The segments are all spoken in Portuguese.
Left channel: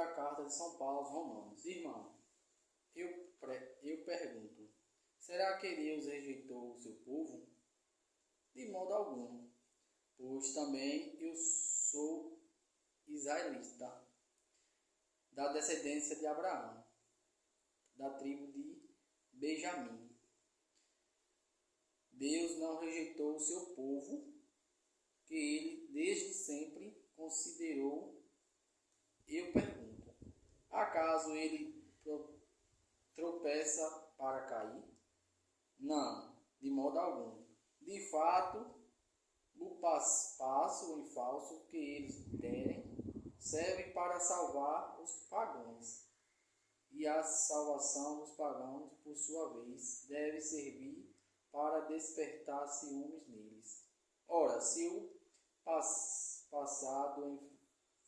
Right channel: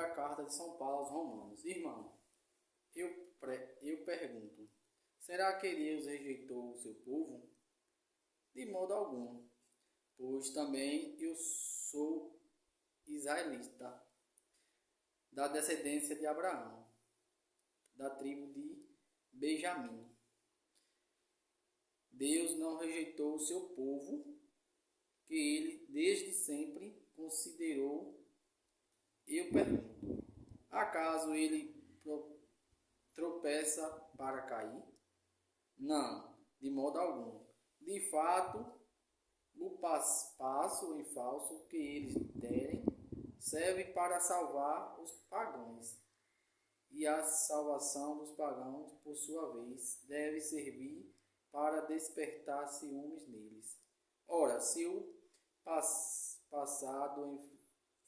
sobre a carta de São Paulo aos Romanos. Irmão, eu pergunto, será que Deus rejeitou o seu povo? De modo algum, pois também eu sou israelita, da descendência de Abraão, da tribo de Benjamim. Deus não rejeitou o seu povo, que ele desde sempre considerou. Eu pergunto, acaso ele tropeça para cair? Não, de modo algum. De fato, o passo em falso que eles derem serve para salvar os pagãos. E a salvação dos pagãos, por sua vez, deve servir para despertar ciúmes neles. Ora, se o passado em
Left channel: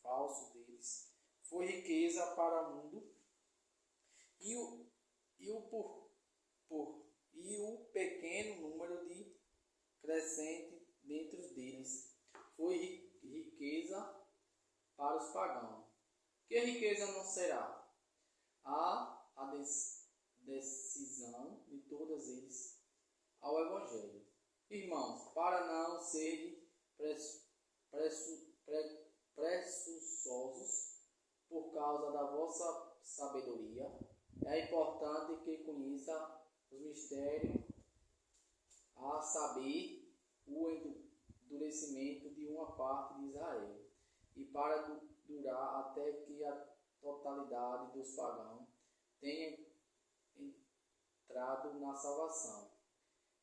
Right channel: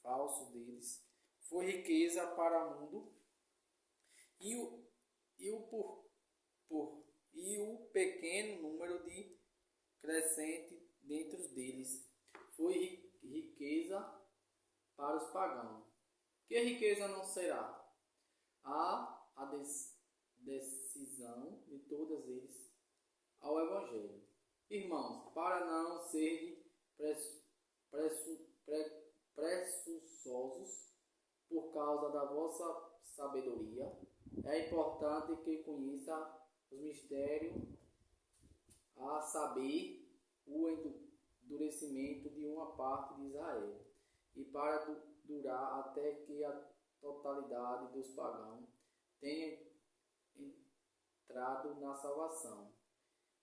falso deles foi riqueza para o mundo, e o pequeno número de crescente dentro deles foi riqueza para os pagãos. Que riqueza não será? A decisão de todos eles ao Evangelho. Irmãos, para não serem presunçosos por causa da vossa sabedoria, é importante que conheça os mistérios, a saber, o endurecimento de uma parte de Israel, e para durar até que a totalidade dos pagãos tenha entrado na salvação.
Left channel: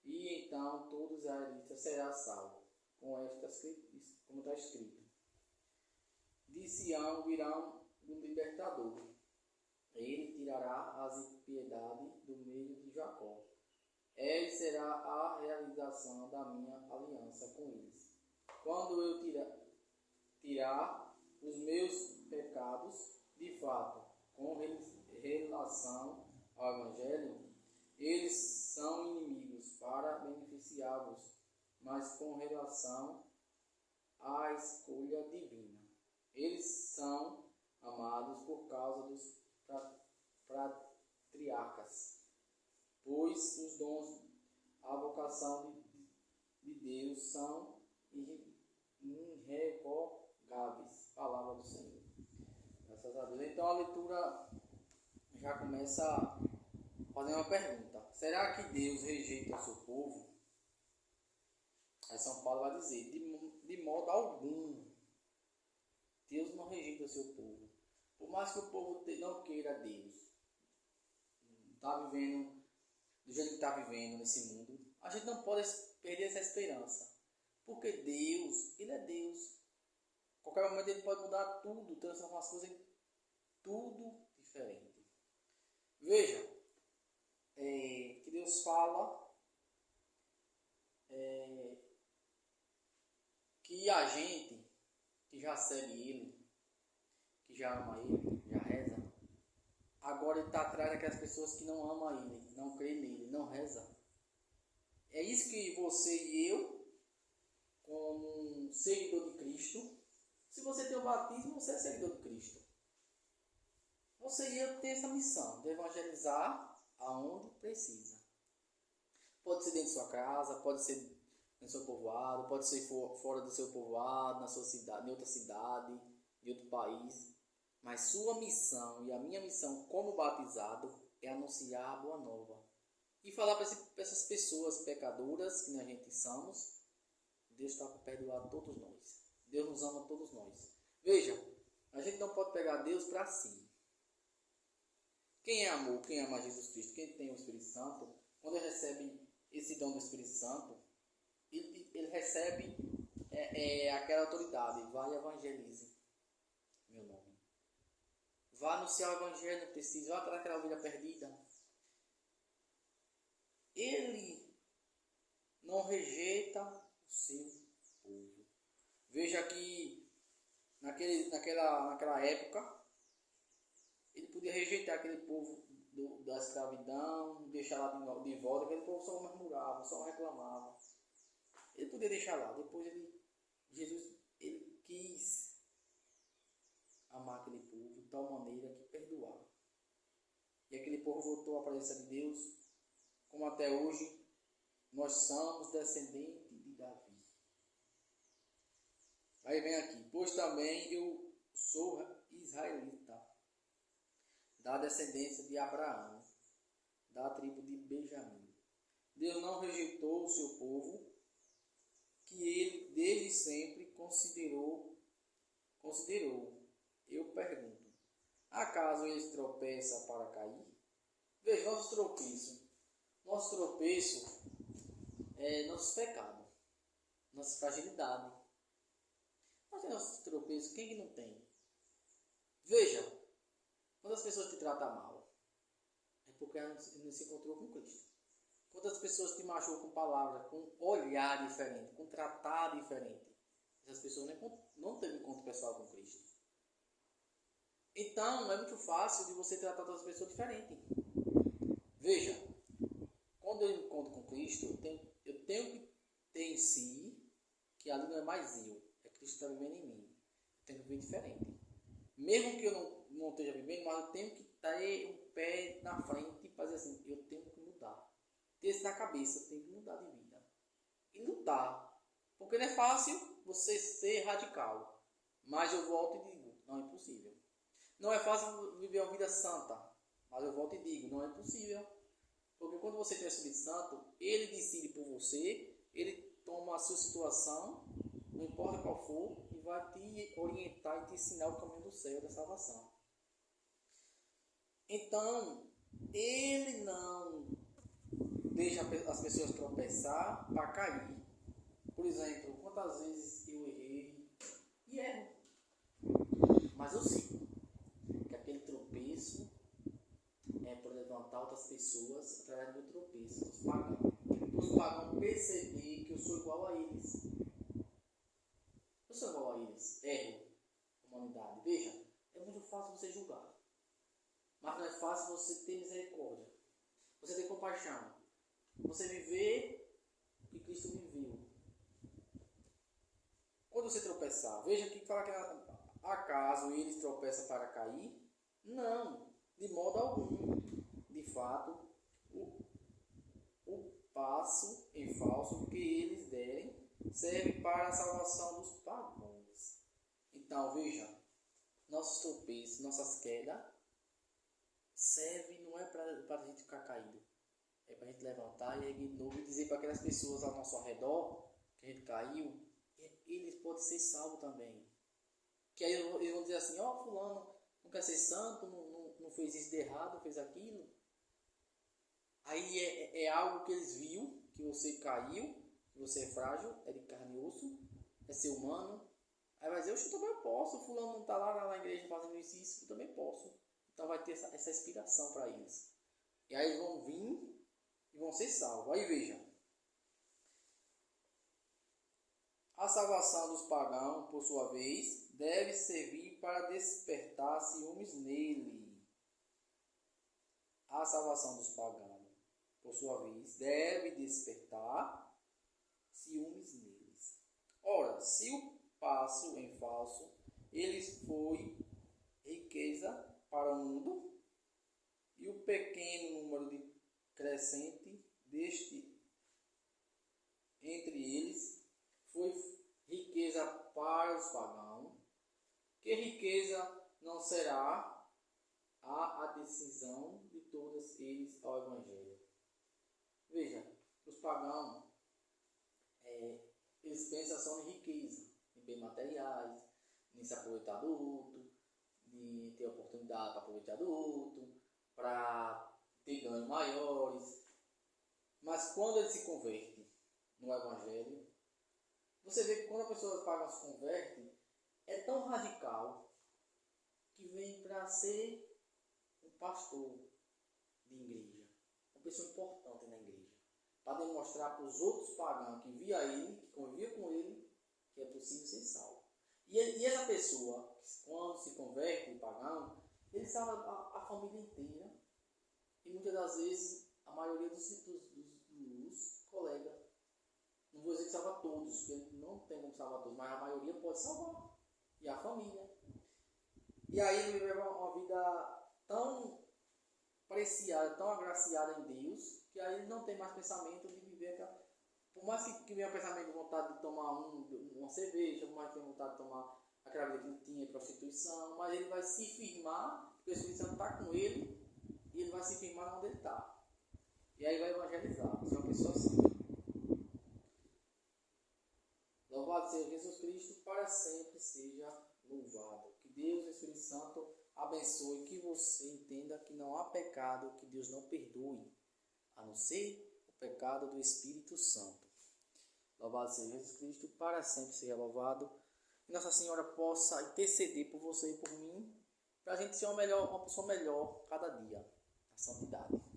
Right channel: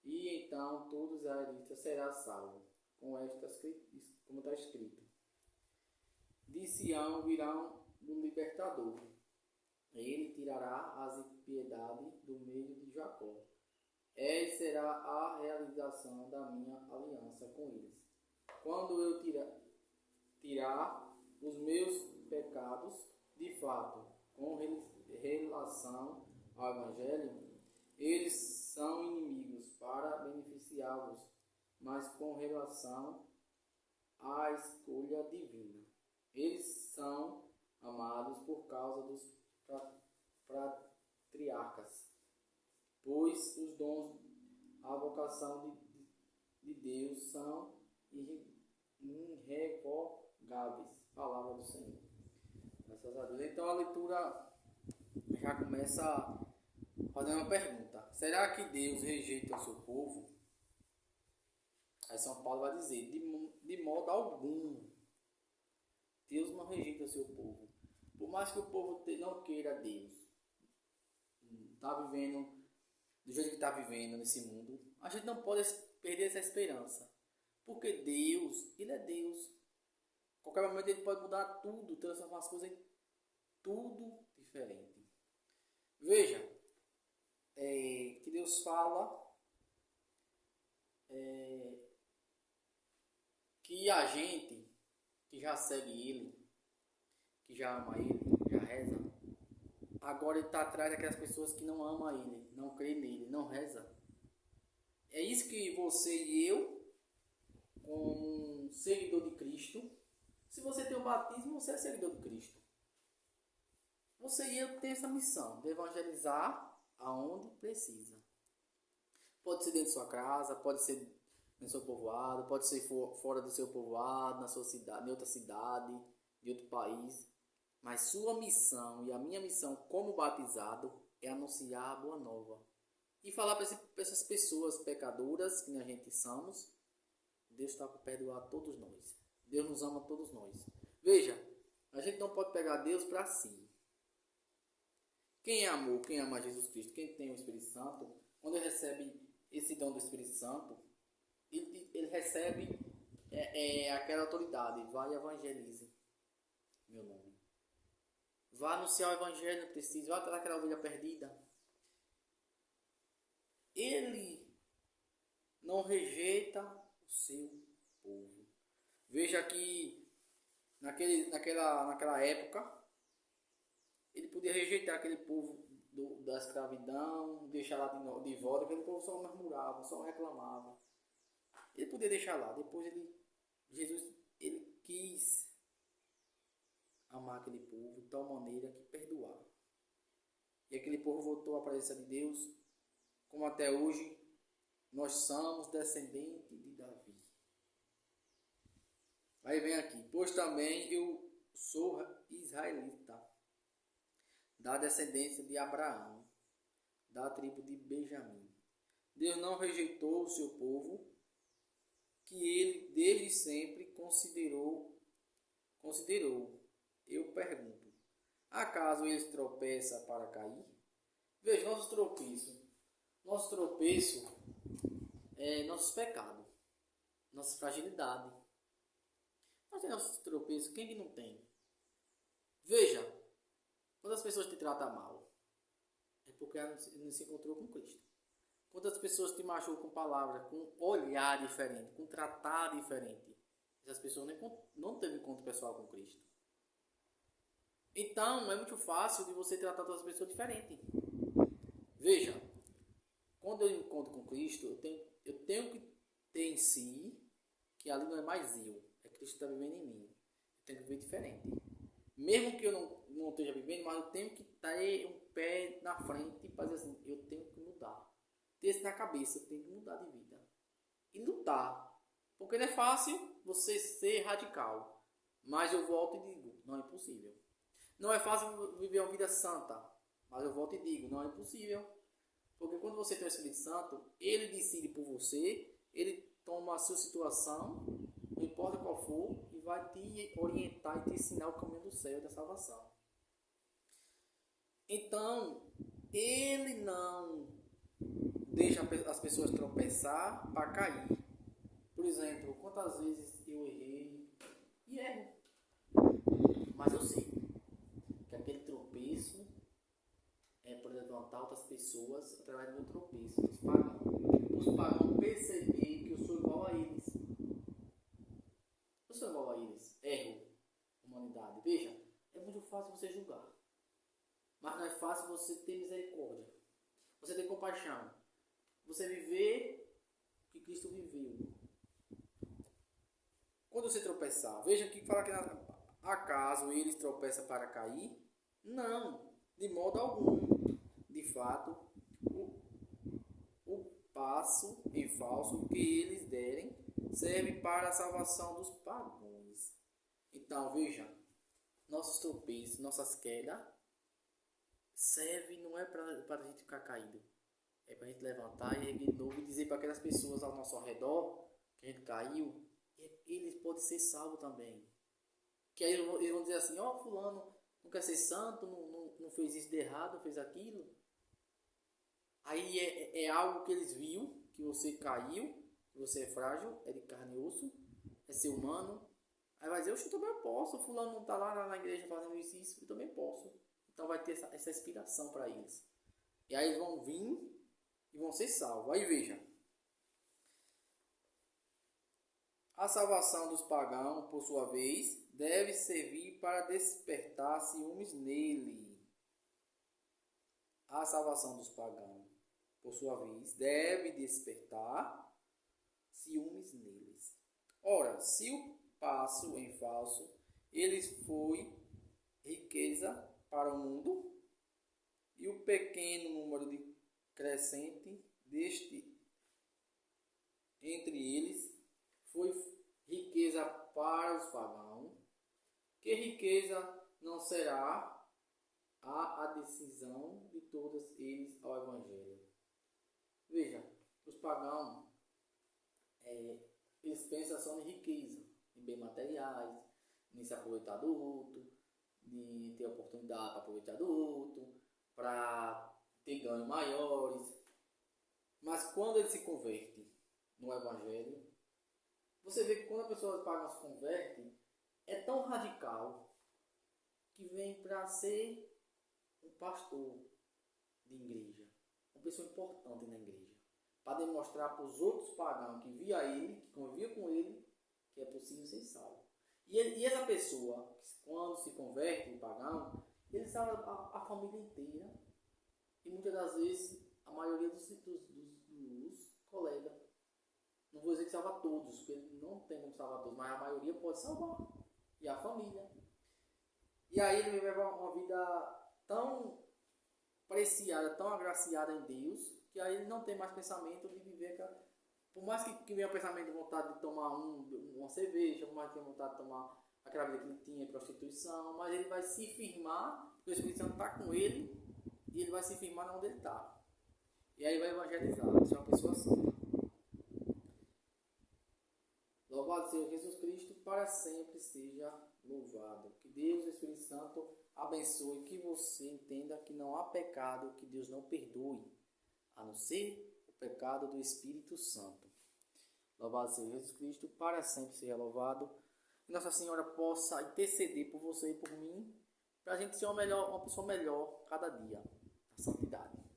E então todos os israelitas serão salvos, como está escrito. De Sião virá o libertador. Ele tirará as impiedades do meio de Jacó. Ele será a realização da minha aliança com eles. Quando eu tirar os meus pecados, de fato, com relação ao Evangelho, eles são inimigos para beneficiá-los, mas com relação à escolha divina, eles são amados por causa dos patriarcas, pois os dons, a vocação de Deus são irrevogáveis. Palavra do Senhor. Graças a Deus. Então a leitura já começa fazendo uma pergunta: será que Deus rejeita o seu povo? Aí São Paulo vai dizer: de modo algum. Deus não rejeita o seu povo. Por mais que o povo não queira Deus, está vivendo do jeito que está vivendo nesse mundo, a gente não pode perder essa esperança. Porque Deus, Ele é Deus. A qualquer momento Ele pode mudar tudo, transformar as coisas em tudo diferente. Veja, que Deus fala que a gente que já segue Ele, que já ama Ele, já reza, agora Ele está atrás daquelas pessoas que não amam Ele, não creem nele, não rezam. É isso que você e eu, como um seguidor de Cristo, se você tem o batismo, você é seguidor de Cristo. Você e eu temos essa missão de evangelizar aonde precisa. Pode ser dentro da sua casa, pode ser no seu povoado, pode ser fora do seu povoado, na sua cidade, em outra cidade, de outro país. Mas sua missão e a minha missão como batizado é anunciar a boa nova. E falar para essas pessoas pecadoras que a gente somos, Deus está para perdoar todos nós. Deus nos ama todos nós. Veja, a gente não pode pegar Deus para si. Quem é amor, quem ama Jesus Cristo, quem tem o Espírito Santo, quando ele recebe esse dom do Espírito Santo, ele recebe aquela autoridade. Vai e evangelize meu nome. Vá anunciar o Evangelho, não precisa. Vá atrás daquela ovelha perdida. Ele não rejeita o seu povo. Veja que naquela época, ele podia rejeitar aquele povo da escravidão, deixar lá de volta, aquele povo só murmurava, só reclamava. Ele podia deixar lá. Depois Jesus quis amar aquele povo, tal maneira que perdoava. E aquele povo voltou à presença de Deus, como até hoje nós somos descendentes de Davi. Aí vem aqui, pois também eu sou israelita, da descendência de Abraão, da tribo de Benjamim. Deus não rejeitou o seu povo, que ele desde sempre considerou. Eu pergunto, acaso eles tropeçam para cair? Veja, nosso tropeço é nosso pecado, nossa fragilidade. Nós temos nosso tropeço, quem que não tem? Veja, quando as pessoas te tratam mal, é porque ela não se encontrou com Cristo. Quando as pessoas te machucam com palavras, com olhar diferente, com tratar diferente, essas pessoas não têm encontro pessoal com Cristo. Então, é muito fácil de você tratar todas as pessoas diferente. Veja, quando eu encontro com Cristo, eu tenho que ter em si que ali não é mais eu, é Cristo que está vivendo em mim. Eu tenho que viver diferente. Mesmo que eu não esteja vivendo, mas eu tenho que ter um pé na frente para dizer assim, eu tenho que mudar. Ter isso na cabeça, eu tenho que mudar de vida. E lutar. Porque não é fácil você ser radical. Mas eu volto e digo, não é impossível. Não é fácil viver uma vida santa. Mas eu volto e digo, não é impossível. Porque quando você tem o Espírito Santo, ele decide por você, ele toma a sua situação, não importa qual for, e vai te orientar e te ensinar o caminho do céu, da salvação. Então, ele não deixa as pessoas tropeçar para cair. Por exemplo, quantas vezes eu errei e erro. Mas eu sei que aquele tropeço é para levantar outras pessoas através do meu tropeço, dos pagãos. Os pagãos perceber que eu sou igual a eles. Eu sou igual a eles. Erro, humanidade. Veja, é muito fácil você julgar. Mas não é fácil você ter misericórdia. Você ter compaixão. Você viver o que Cristo viveu. Quando você tropeçar, veja que fala que acaso eles tropeçam para cair? Não, de modo algum. De fato, o passo em falso que eles derem serve para a salvação dos pagãos. Então, veja, nossos tropeços, nossas quedas, serve não é para a gente ficar caído. É para a gente levantar e erguer de novo e dizer para aquelas pessoas ao nosso redor que a gente caiu, eles podem ser salvos também. Que aí eles vão dizer assim, ó, fulano não quer ser santo, não fez isso de errado, fez aquilo. Aí é algo que eles viram, que você caiu, que você é frágil, é de carne e osso, é ser humano. Aí vai dizer, eu também posso, fulano não está lá na igreja fazendo isso, eu também posso. Então vai ter essa inspiração para eles. E aí eles vão vir e vão ser salvos. Aí veja. A salvação dos pagãos, por sua vez, deve servir para despertar ciúmes nele. A salvação dos pagãos, por sua vez, deve despertar ciúmes neles. Ora, se o passo em falso, eles foi riqueza para o mundo, e o pequeno número de crescente deste entre eles foi riqueza para os pagãos, que riqueza não será a decisão de todos eles ao Evangelho. Veja, os pagãos, eles pensam só em riqueza, em bens materiais, em se aproveitar do outro, de ter oportunidade para aproveitar do outro, para ter ganhos maiores. Mas quando ele se converte no Evangelho, você vê que quando a pessoa paga se converte, é tão radical que vem para ser um pastor de igreja, uma pessoa importante na igreja, para demonstrar para os outros pagãos que via ele, que convivia com ele, que é possível ser salvo. E essa pessoa, quando se converte em pagão, ele salva a família inteira e muitas das vezes a maioria dos colegas. Não vou dizer que salva todos, porque não tem como salvar todos, mas a maioria pode salvar. E a família. E aí ele vai levar uma vida tão preciada, tão agraciada em Deus, que aí ele não tem mais pensamento de viver aquela... Por mais que venha o pensamento de vontade de tomar uma cerveja, por mais que tenha vontade de tomar aquela vida que ele tinha, prostituição, mas ele vai se firmar, porque o Espírito Santo está com ele, e ele vai se firmar onde ele está. E aí vai evangelizar, vai ser uma pessoa assim. Louvado seja Jesus Cristo, para sempre seja louvado. Que Deus, o Espírito Santo, abençoe, que você entenda que não há pecado que Deus não perdoe, a não ser o pecado do Espírito Santo. Louvado seja Jesus Cristo, para sempre seja louvado. Que Nossa Senhora possa interceder por você e por mim, para a gente ser uma pessoa melhor cada dia, na santidade.